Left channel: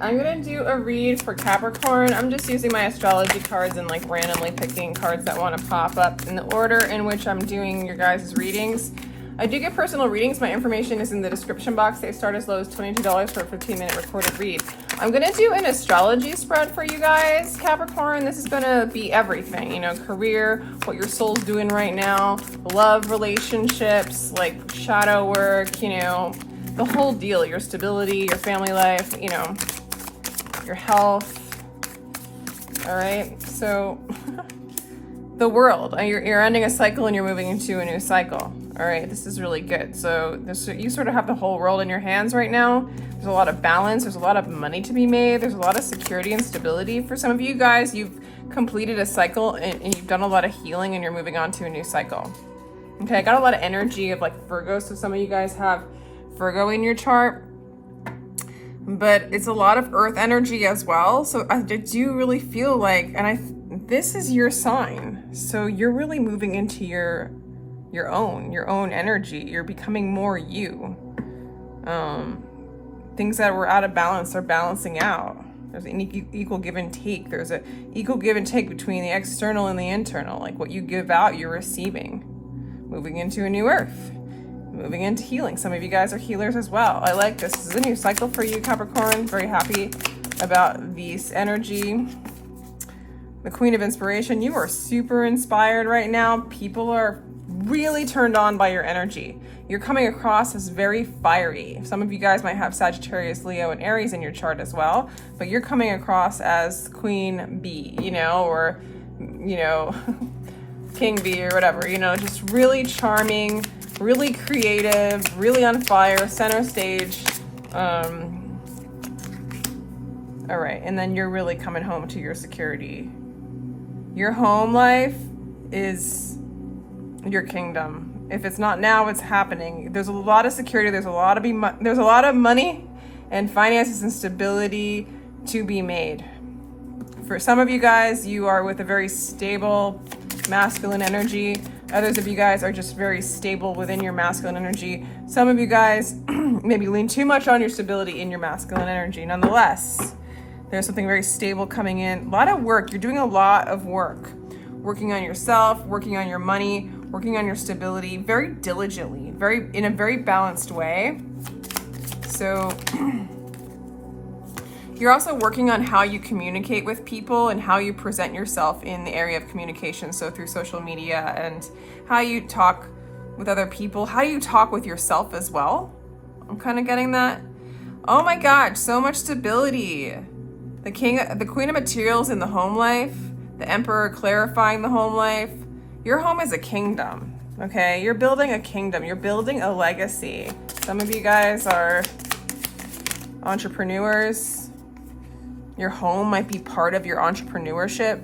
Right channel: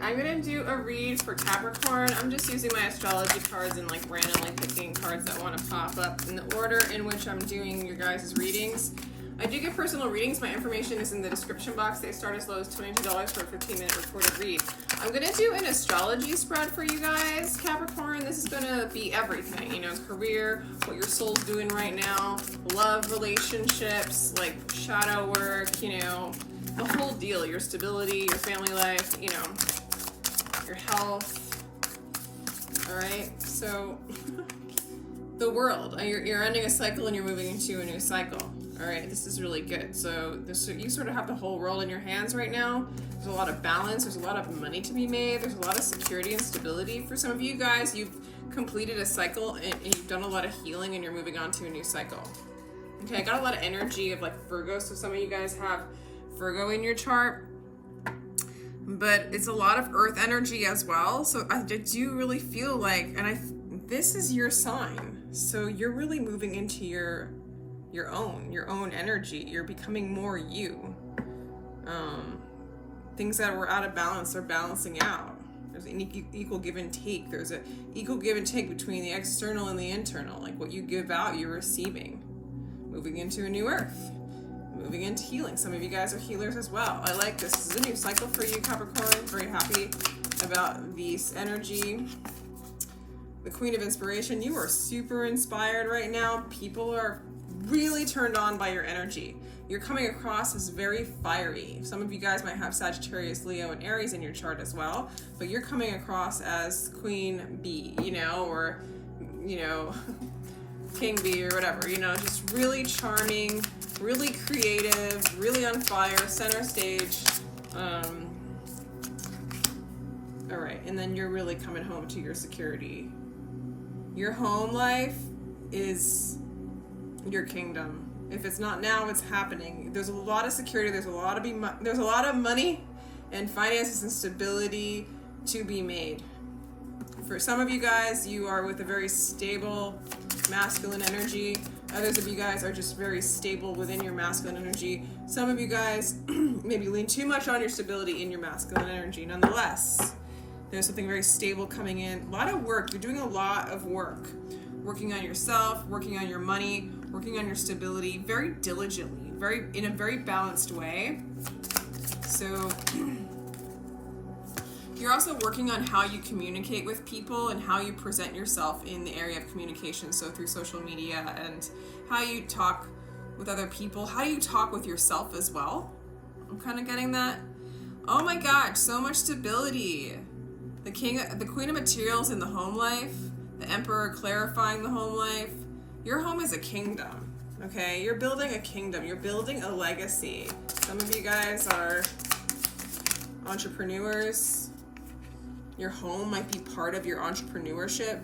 I'm gonna do a read for Capricorn. I'm just using my astrology cards and like randomly picking cards that want to pop up in the order in which I'm doing your guys' readings. I do get personal readings. My information is in the description box. They start as low as $22 for a 15-minute recorded read. I'm gonna do an astrology spread for you guys, Capricorn. This is gonna be everything, you know, career, what your soul's doing right now, love, relationships, like shadow work, you know, the whole deal, your stability, your family life, you know, your health. All right, so the world, you're ending a cycle and you're moving into a new cycle. All right, this is really good. So you sort of have the whole world in your hands right now. There's a lot of balance. There's a lot of money to be made. There's a lot of security and stability. For some of you guys, you've completed a cycle and you've done a lot of healing and you're moving on to a new cycle. Okay, I got a lot of energy of like Virgo. So some of you guys have Virgo in your chart, but it's a lot of earth energy as well. So I do really feel like, this is your sign. So you're really moving into your own energy. You're becoming more you. Things that were out of balance are balancing out. There's an equal give and take. There's an equal give and take between the external and the internal. Like what you give out, you're receiving. Moving into a new earth. Moving into healing. Some of you guys are healers as well. I like this. This is a new cycle for you, Capricorn. Very happy about this energy. The Queen of Inspiration. You are super inspired right now. People are really turned on by your energy. You're coming across as very fiery. Some of you guys might have Sagittarius, Leo, and Aries in your chart as well, but you're coming across as Queen Bee, you know, or, you know, King Bee or whatever, you know, just really charming, really creative, really on fire, center stage. All right, and then you're really coming home to your security. Your home life is your kingdom. If it's not now, it's happening. There's a lot of security. There's a lot of money and finances and stability to be made. For some of you guys, you are with a very stable masculine energy. Others of you guys are just very stable within your masculine energy. Some of you guys maybe lean too much on your stability in your masculine energy. Nonetheless, there's something very stable coming in. A lot of work. You're doing a lot of work. Working on yourself, working on your money, working on your stability very diligently, in a very balanced way. So you're also working on how you communicate with people and how you present yourself in the area of communication. So through social media and how you talk with other people, how you talk with yourself as well. I'm kind of getting that. Oh my God, so much stability. The Queen of Materials in the home life, the Emperor clarifying the home life. Your home is a kingdom, okay? You're building a kingdom. You're building a legacy. Some of you guys are entrepreneurs. Your home might be part of your entrepreneurship.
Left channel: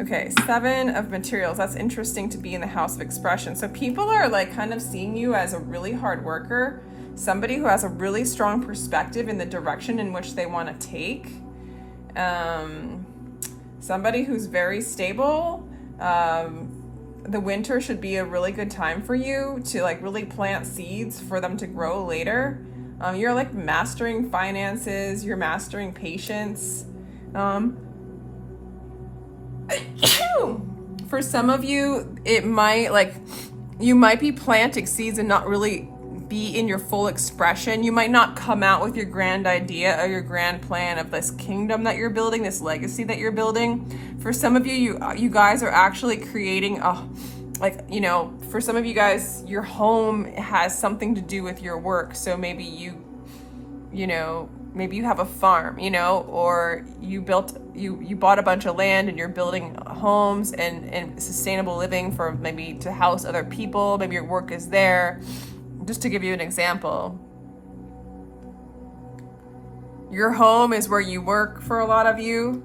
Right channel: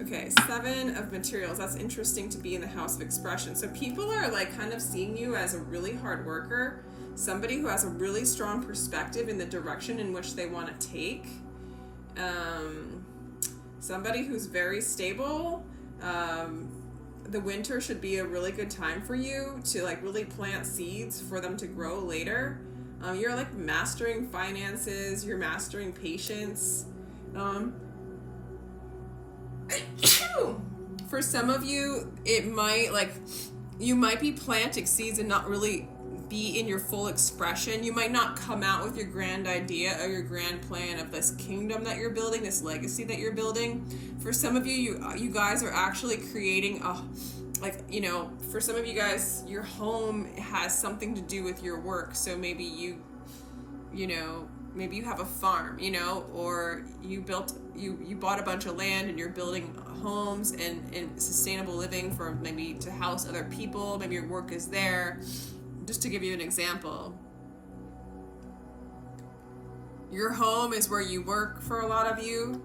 Okay, 7 of Materials. That's interesting to be in the House of Expression. So people are like kind of seeing you as a really hard worker, somebody who has a really strong perspective in the direction in which they want to take. Somebody who's very stable. The winter should be a really good time for you to like really plant seeds for them to grow later. You're like mastering finances, you're mastering patience. For some of you, it might you might be planting seeds and not really be in your full expression. You might not come out with your grand idea or your grand plan of this kingdom that you're building, this legacy that you're building. For some of you, you guys are actually creating for some of you guys, your home has something to do with your work. So maybe maybe you have a farm, or you bought a bunch of land and you're building homes and sustainable living for maybe to house other people. Maybe your work is there. Just to give you an example, your home is where you work for a lot of you.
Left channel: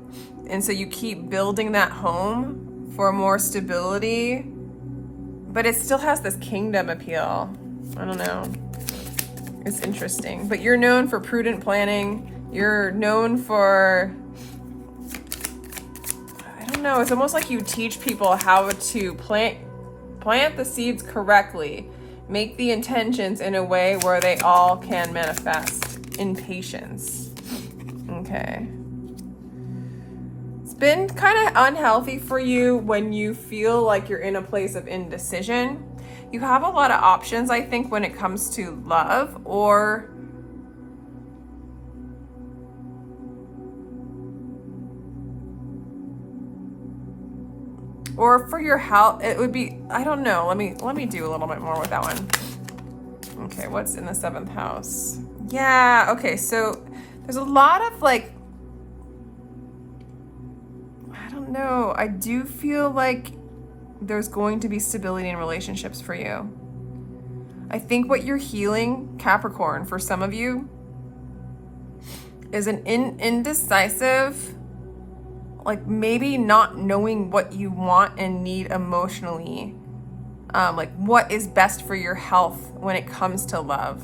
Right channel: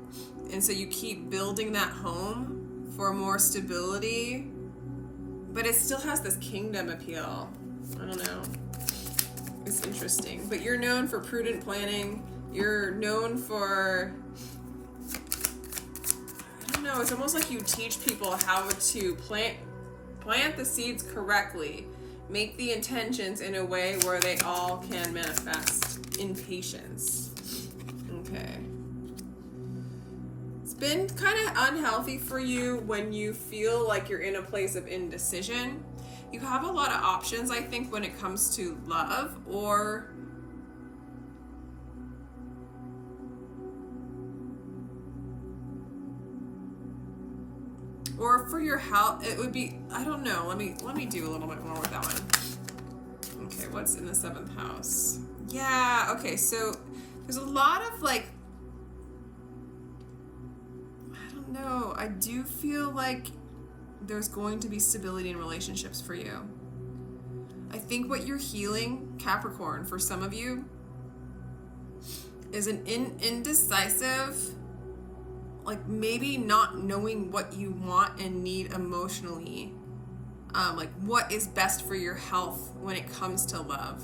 And so you keep building that home for more stability, but it still has this kingdom appeal. I don't know. It's interesting, but you're known for prudent planning. You're known for, I don't know, it's almost like you teach people how to plant the seeds correctly. Make the intentions in a way where they all can manifest in patience. Okay. It's been kind of unhealthy for you when you feel like you're in a place of indecision. You have a lot of options, I think, when it comes to love or for your health. It would be, I don't know. Let me do a little bit more with that one. Okay, what's in the 7th house? Yeah, okay, so there's a lot of like, I don't know. I do feel like there's going to be stability in relationships for you. I think what you're healing, Capricorn, for some of you, is an indecisive, like maybe not knowing what you want and need emotionally. Like what is best for your health when it comes to love.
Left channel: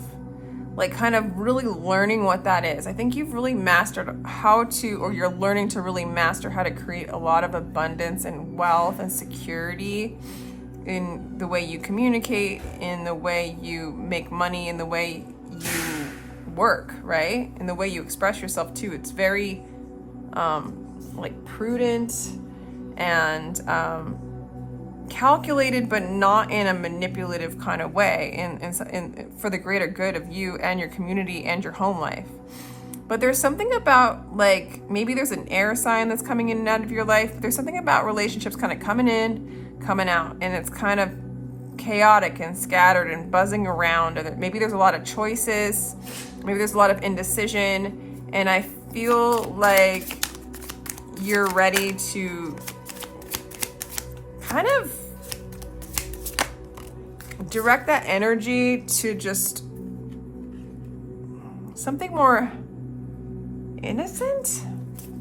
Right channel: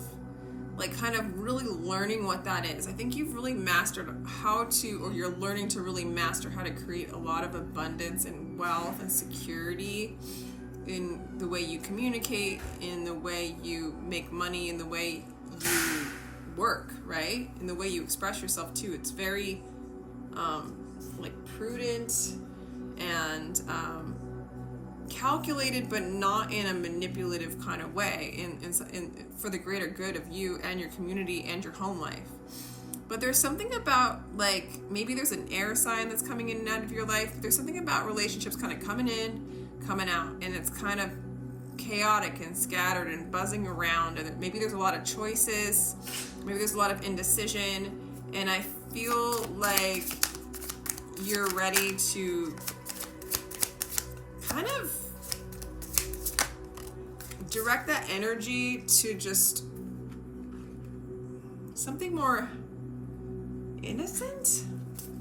Like kind of really learning what that is. I think you've really mastered how to, or you're learning to really master how to create a lot of abundance and wealth and security in the way you communicate, in the way you make money, in the way you work, right? In the way you express yourself too. It's very like prudent and calculated, but not in a manipulative kind of way, and for the greater good of you and your community and your home life. But there's something about, like, maybe there's an air sign that's coming in and out of your life. There's something about relationships kind of coming in, coming out, and it's kind of chaotic and scattered and buzzing around. And maybe there's a lot of choices, maybe there's a lot of indecision, and I feel like you're ready to kind of direct that energy to just something more innocent.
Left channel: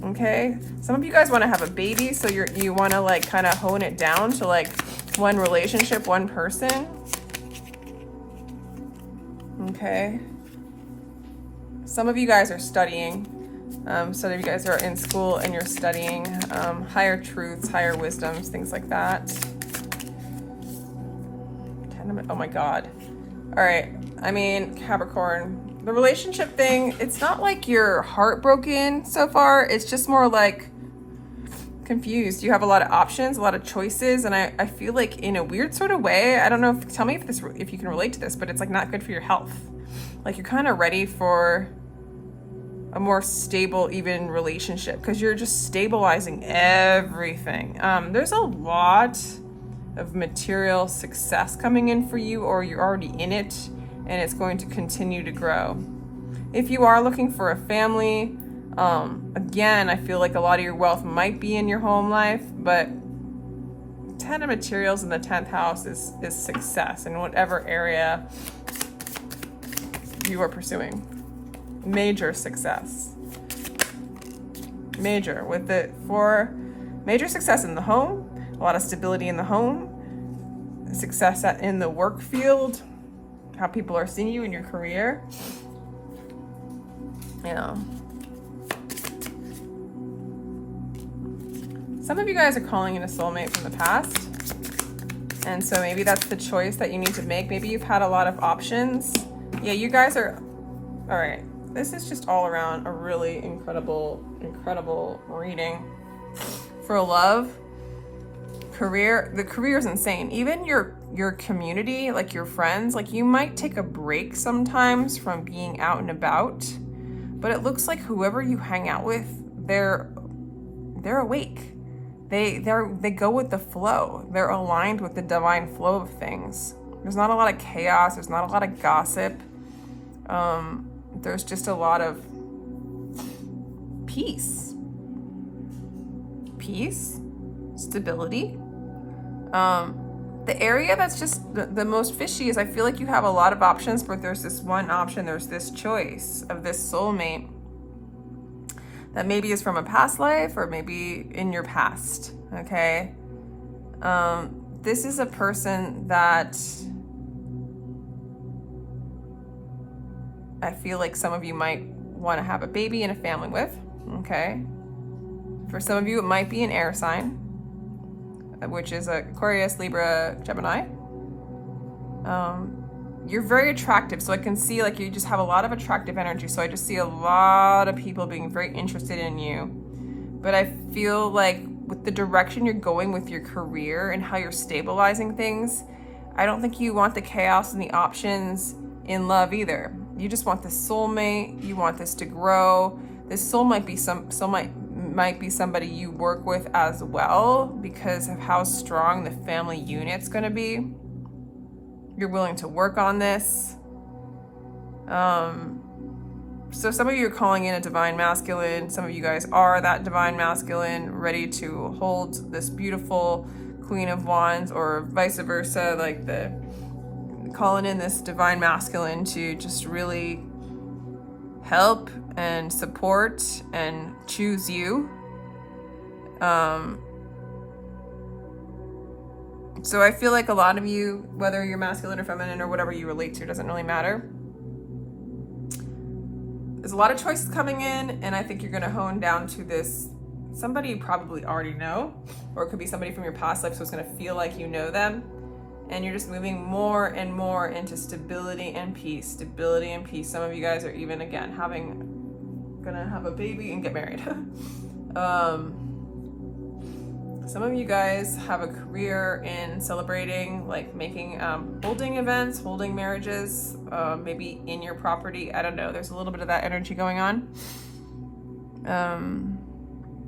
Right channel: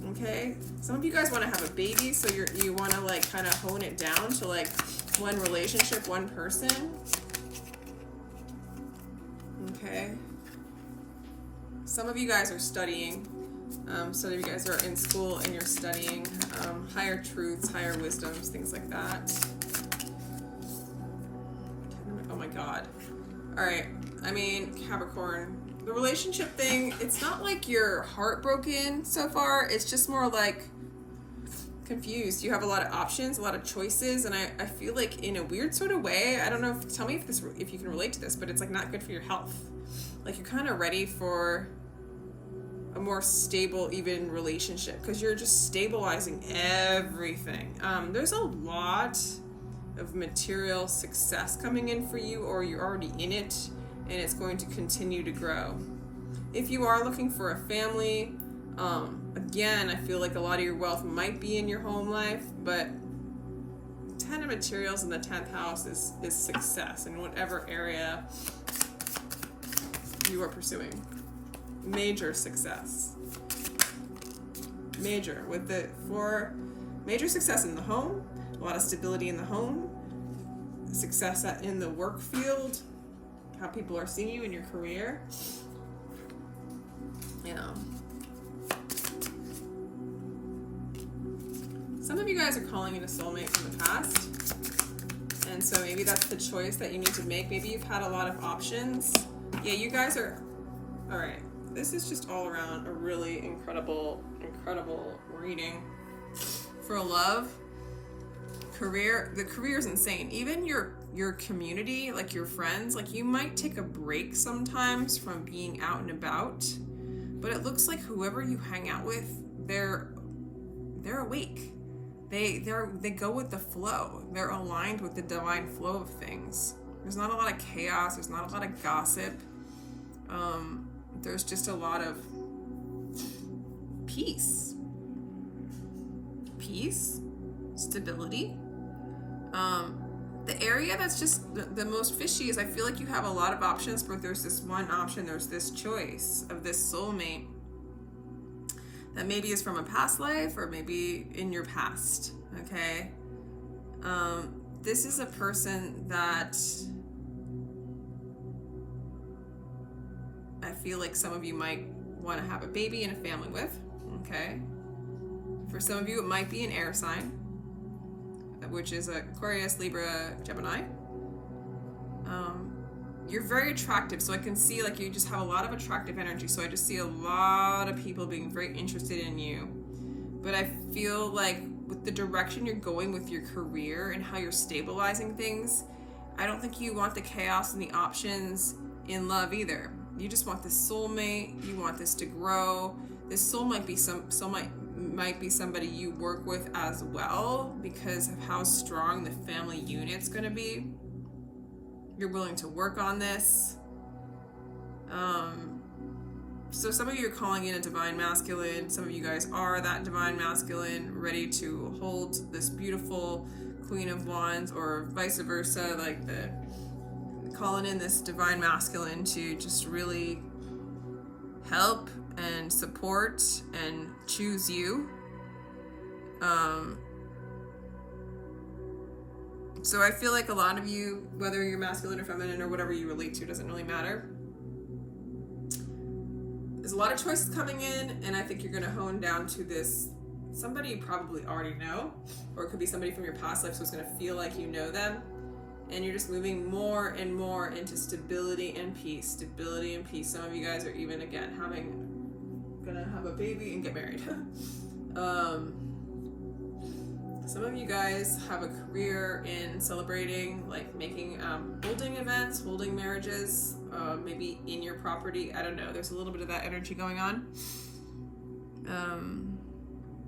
Okay, some of you guys want to have a baby, so you want to like kind of hone it down to like one relationship, one person. Okay, some of you guys are studying. Some of you guys are in school and you're studying higher truths, higher wisdoms, things like that. Oh my God. All right. I mean, Capricorn, the relationship thing, it's not like you're heartbroken so far. It's just more like confused. You have a lot of options, a lot of choices. And I feel like in a weird sort of way, I don't know tell me if you can relate to this, but it's like not good for your health. Like you're kind of ready for a more stable, even relationship, because you're just stabilizing everything. There's a lot of material success coming in for you, or you're already in it and it's going to continue to grow. If you are looking for a family, again, I feel like a lot of your wealth might be in your home life, but 10 of materials in the 10th house is success in whatever area you are pursuing. Major success. Major with it for major success in the home, a lot of stability in the home, success in the work field, how people are seeing you in your career. Yeah. Some of you guys are calling in a soulmate from the past. And so maybe that's the choice that you need to make. Maybe you've had a lot of options. Yeah, you guys are, all right. This is just all around a really incredible reading for love, career. The career is insane. Even your community, like your friends, like you might take a break sometimes from being out and about, but it looks like whoever you hang out with, they're awake. They go with the flow. They're aligned with the divine flow of things. There's not a lot of chaos. There's not a lot of gossip. There's just a lot of peace, stability. The area that's just the most fishy is I feel like you have a lot of options, but there's this one option, there's this choice of this soulmate that maybe is from a past life or maybe in your past, okay? This is a person that I feel like some of you might want to have a baby and a family with, okay? For some of you, it might be an air sign, which is Aquarius, Libra, Gemini. you're very attractive. So I can see like you just have a lot of attractive energy. So I just see a lot of people being very interested in you. But I feel like with the direction you're going with your career and how you're stabilizing things, I don't think you want the chaos and the options in love either. You just want the soulmate. You want this to grow. This soul might be might be somebody you work with as well because of how strong the family unit's going to be. You're willing to work on this. So some of you are calling in a divine masculine. Some of you guys are that divine masculine, ready to hold this beautiful Queen of Wands, or vice versa, like calling in this divine masculine to just really help and support and choose you. So I feel like a lot of you, whether you're masculine or feminine or whatever you relate to, doesn't really matter. There's a lot of choices coming in, and I think you're going to hone down to this somebody you probably already know, or it could be somebody from your past life, so it's going to feel like you know them, and you're just moving more and more into stability and peace. Stability and peace. Some of you guys are even, again, gonna have a baby and get married. Some of you guys have a career in celebrating, like making, holding events, holding marriages, maybe in your property. I don't know. There's a little bit of that energy going on.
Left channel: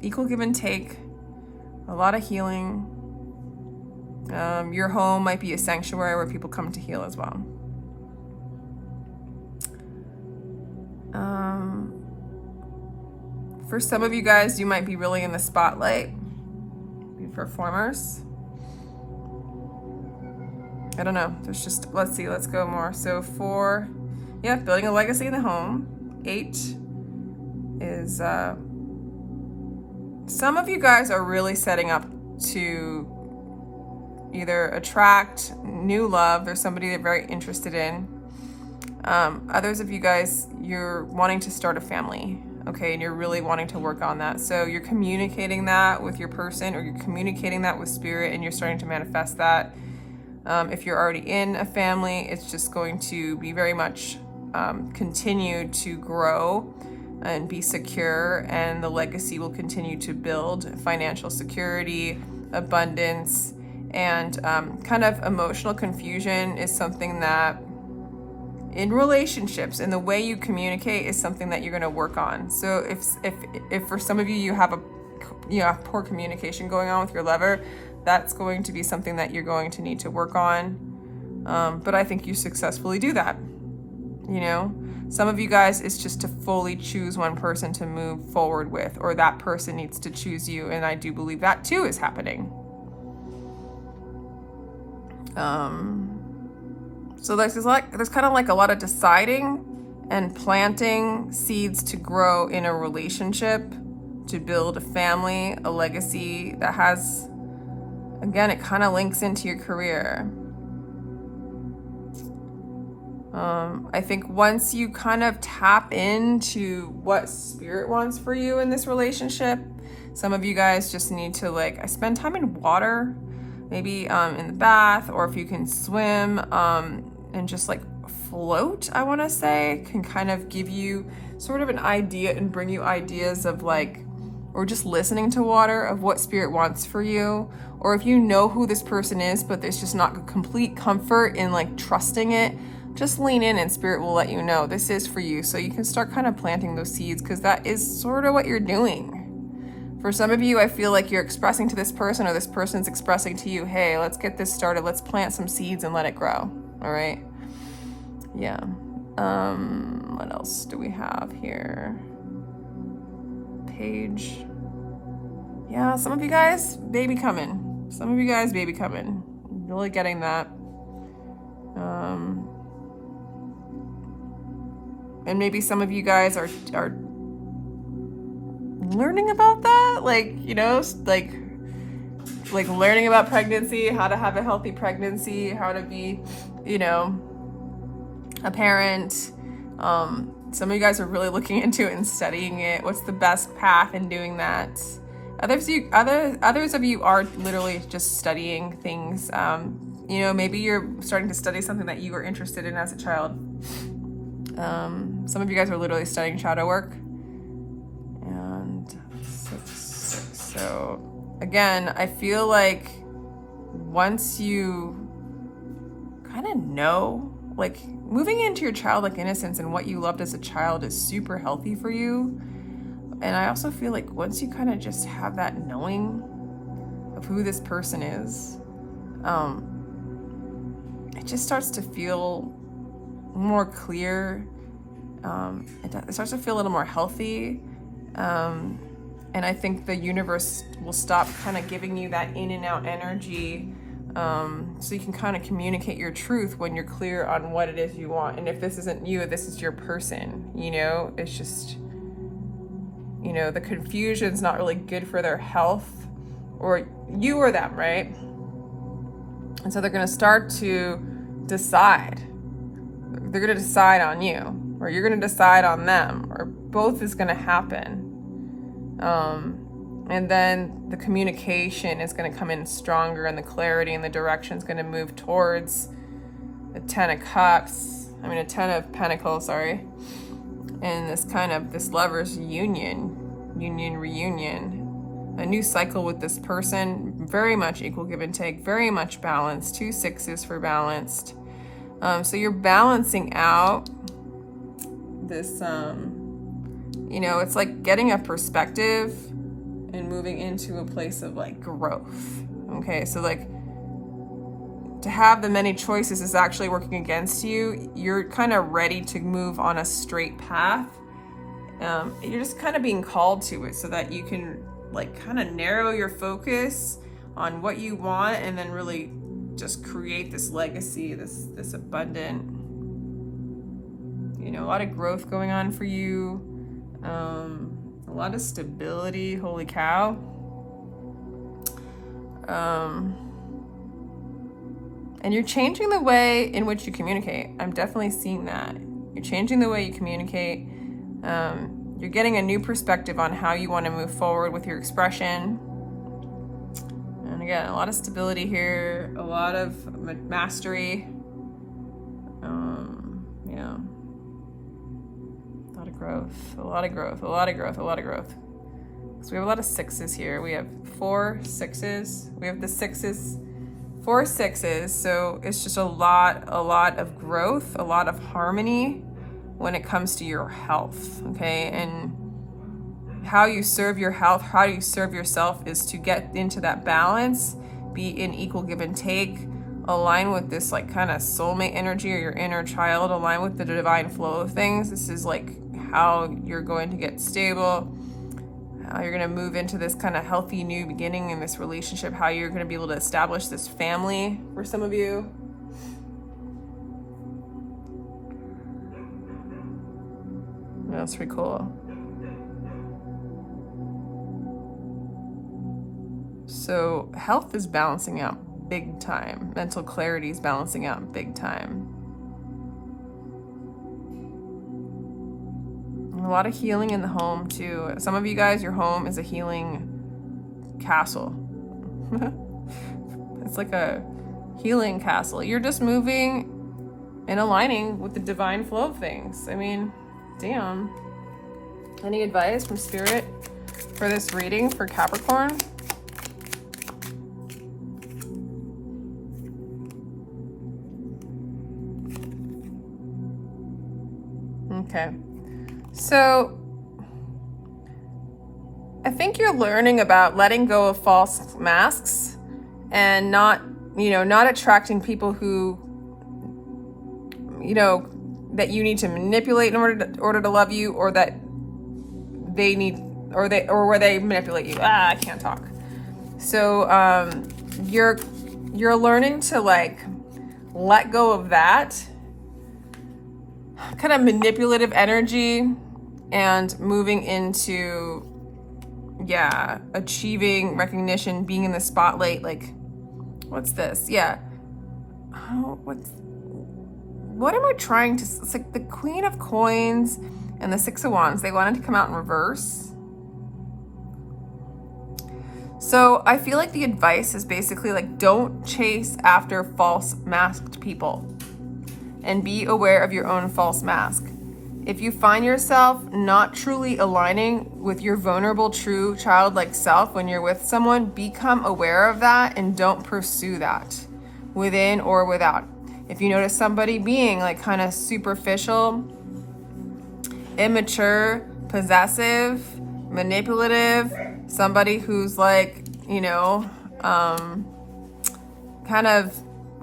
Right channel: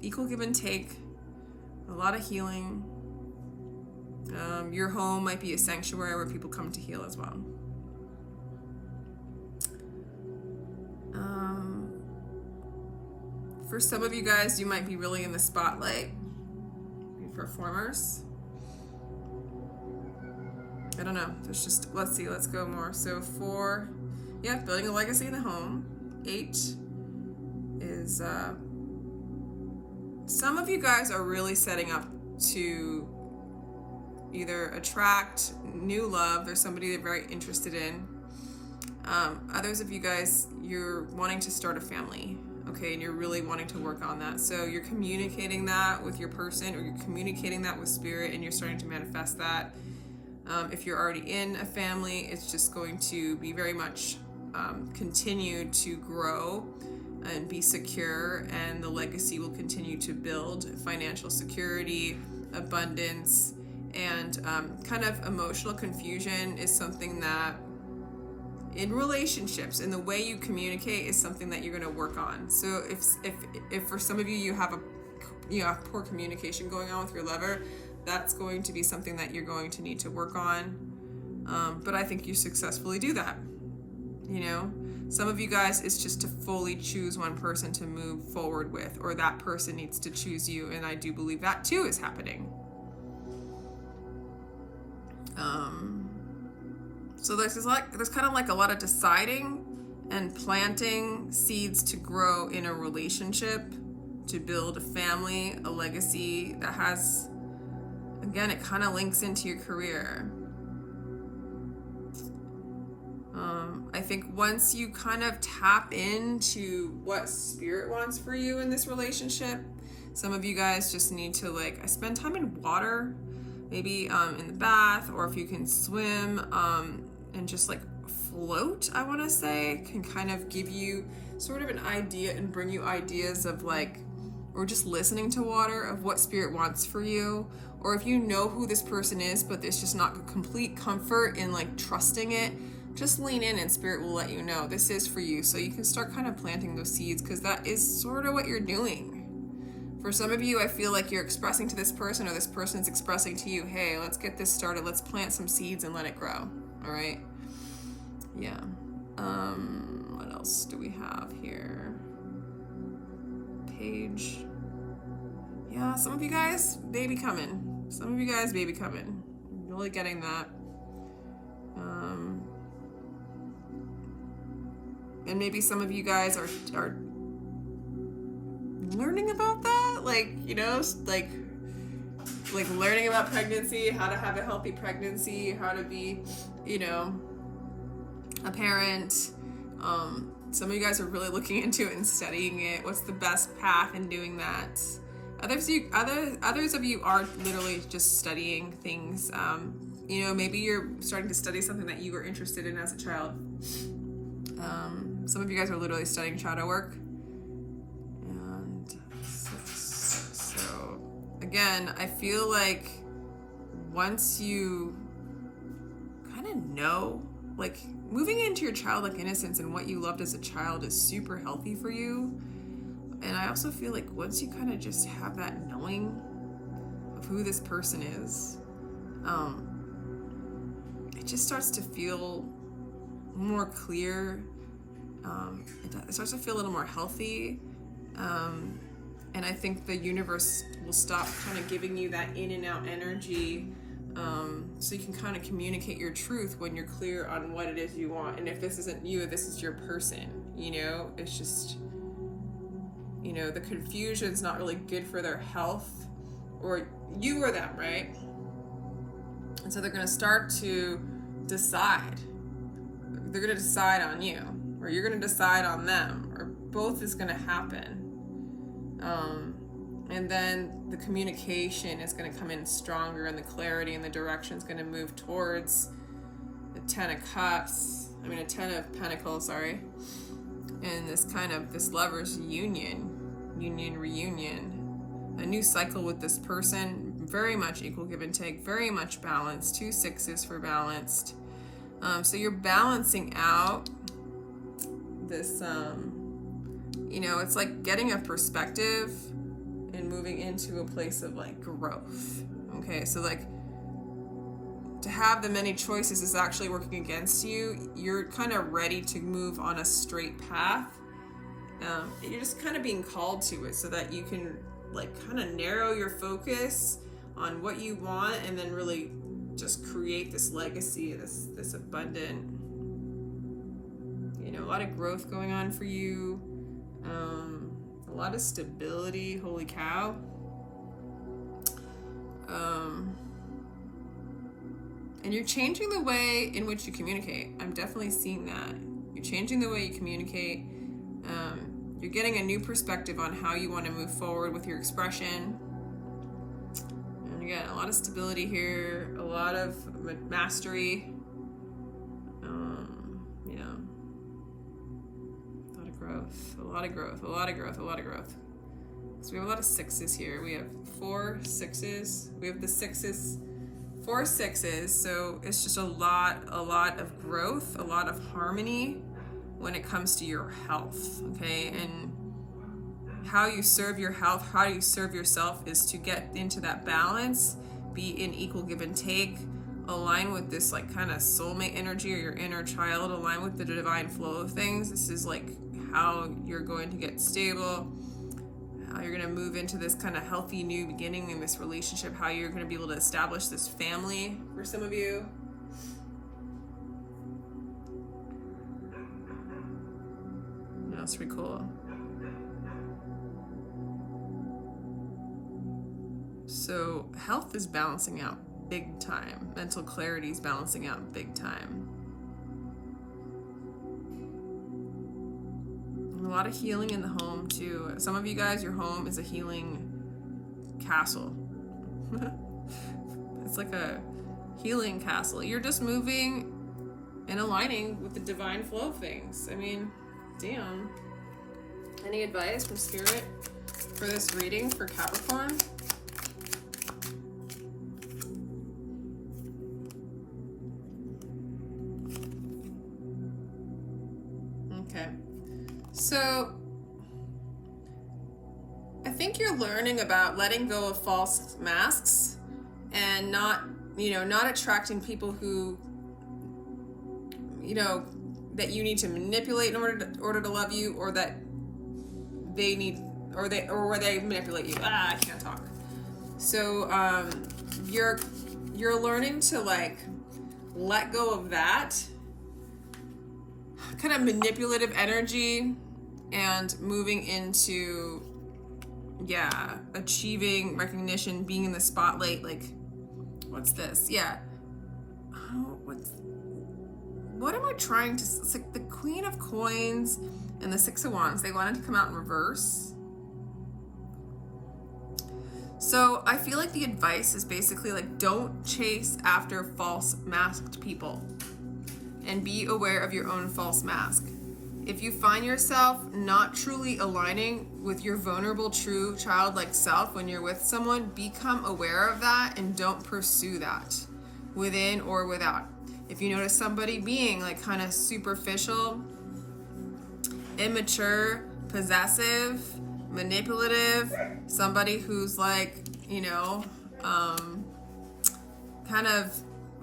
Equal give and take, a lot of healing. Your home might be a sanctuary where people come to heal as well. For some of you guys, you might be really in the spotlight. Performers. I don't know. There's just, let's see, let's go more. So 4, yeah, building a legacy in the home. 8 is, some of you guys are really setting up to either attract new love. There's somebody they're very interested in. Others of you guys, you're wanting to start a family. Okay, and you're really wanting to work on that. So you're communicating that with your person, or you're communicating that with spirit, and you're starting to manifest that. If you're already in a family, it's just going to be very much continued to grow and be secure, and the legacy will continue to build. Financial security, abundance, and kind of emotional confusion is something that in relationships, and the way you communicate is something that you're going to work on. So if for some of you, you have poor communication going on with your lover, that's going to be something that you're going to need to work on. But I think you successfully do that. You know, some of you guys, it's just to fully choose one person to move forward with, or that person needs to choose you. And I do believe that too is happening. So there's kind of like a lot of deciding and planting seeds to grow in a relationship, to build a family, a legacy that has, again, it kind of links into your career. I think once you kind of tap into what spirit wants for you in this relationship, some of you guys just need to, like, I spend time in water, maybe in the bath, or if you can swim, and just like float, I want to say, can kind of give you sort of an idea and bring you ideas of, like, or just listening to water, of what spirit wants for you. Or if you know who this person is, but there's just not complete comfort in like trusting it, just lean in and spirit will let you know this is for you. So you can start kind of planting those seeds, because that is sort of what you're doing. For some of you, I feel like you're expressing to this person, or this person's expressing to you, hey, let's get this started. Let's plant some seeds and let it grow. All right. Yeah. What else do we have here? Page. Yeah, some of you guys, baby coming. Some of you guys, baby coming. Really getting that. And maybe some of you guys are learning about that, like, you know, like learning about pregnancy, how to have a healthy pregnancy, how to be, you know, a parent. Some of you guys are really looking into it and studying it. What's the best path in doing that? Others of you are literally just studying things, You know, maybe you're starting to study something that you were interested in as a child. Some of you guys are literally studying shadow work. And so again, I feel like once you kind of know, like moving into your childlike innocence and what you loved as a child is super healthy for you. And I also feel like once you kind of just have that knowing of who this person is, it just starts to feel more clear. It starts to feel a little more healthy. And I think the universe will stop kind of giving you that in and out energy. So you can kind of communicate your truth when you're clear on what it is you want. And if this isn't you, this is your person, you know, it's just, you know, the confusion's not really good for their health, or you or them, right? And so they're going to start to decide. They're going to decide on you, or you're going to decide on them, or both is going to happen. And then the communication is going to come in stronger, and the clarity and the direction is going to move towards a Ten of Pentacles, sorry. And this lover's reunion, a new cycle with this person, very much equal give and take, very much balanced, 2 6s for balanced. So you're balancing out this, you know, it's like getting a perspective and moving into a place of like growth. Okay, so like to have the many choices is actually working against you. You're kind of ready to move on a straight path. You're just kind of being called to it so that you can like kind of narrow your focus on what you want, and then really just create this legacy, this abundant, you know, a lot of growth going on for you. A lot of stability, holy cow. And you're changing the way in which you communicate. I'm definitely seeing that. You're changing the way you communicate. You're getting a new perspective on how you want to move forward with your expression. And again, a lot of stability here, a lot of mastery. Yeah. A lot of growth. So we have a lot of 6s here. We have 4 6s. We have the 6s, 4 6s. So it's just a lot of growth, a lot of harmony when it comes to your health, okay? And how you serve your health, how you serve yourself is to get into that balance, be in equal give and take, align with this like kind of soulmate energy or your inner child, align with the divine flow of things. This is like how you're going to get stable, how you're going to move into this kind of healthy new beginning in this relationship, how you're going to be able to establish this family for some of you. That's pretty cool. So health is balancing out big time. Mental clarity is balancing out big time. A lot of healing in the home too. Some of you guys, your home is a healing castle. It's like a healing castle. You're just moving and aligning with the divine flow of things. I mean, damn. Any advice from Spirit for this reading for Capricorn? Okay. So I think you're learning about letting go of false masks and not attracting people who, you know, that you need to manipulate in order to love you, or that they need, or where they manipulate you. I can't talk. So you're learning to like let go of that kind of manipulative energy and moving into, achieving recognition, being in the spotlight. Like, what's this? Yeah. Oh, what am I trying to, it's like the Queen of Coins and the 6 of Wands, they wanted to come out in reverse. So I feel like the advice is basically like, don't chase after false masked people and be aware of your own false mask. If you find yourself not truly aligning with your vulnerable, true, childlike self when you're with someone, become aware of that and don't pursue that, within or without. If you notice somebody being like kind of superficial, immature, possessive, manipulative, somebody who's like, you know, kind of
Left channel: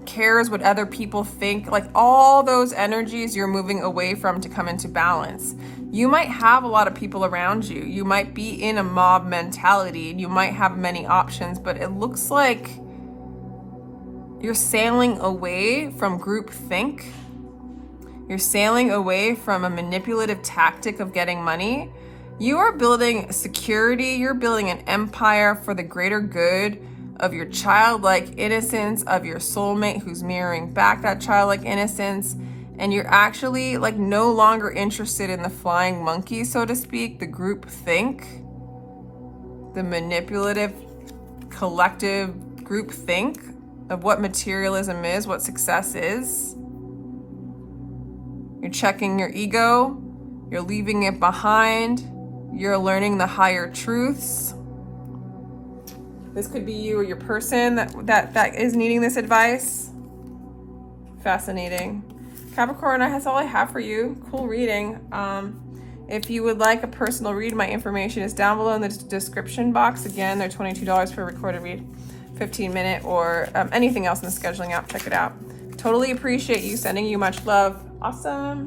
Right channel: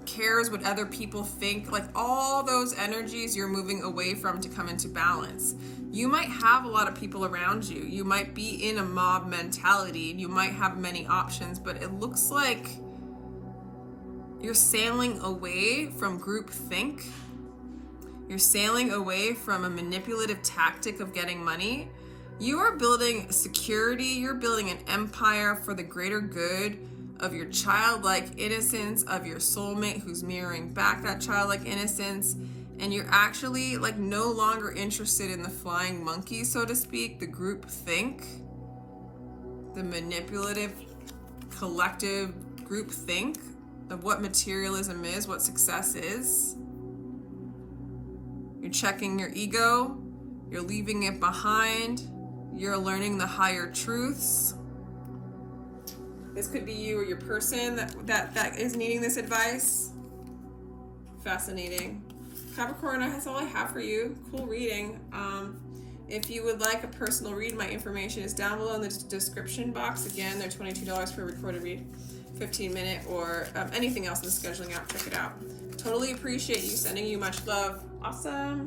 cares what other people think, like all those energies you're moving away from to come into balance. You might have a lot of people around you. You might be in a mob mentality and you might have many options, but it looks like you're sailing away from group think. You're sailing away from a manipulative tactic of getting money. You are building security. You're building an empire for the greater good of your childlike innocence, of your soulmate who's mirroring back that childlike innocence. And you're actually like no longer interested in the flying monkey, so to speak, the group think, the manipulative collective group think of what materialism is, what success is. You're checking your ego, you're leaving it behind, you're learning the higher truths. This could be you or your person that is needing this advice. Fascinating. Capricorn, that's all I have for you. Cool reading. If you would like a personal read, my information is down below in the description box. Again, they're $22 for a recorded read, 15-minute, or anything else in the scheduling app. Check it out. Totally appreciate you. Sending you much love. Awesome.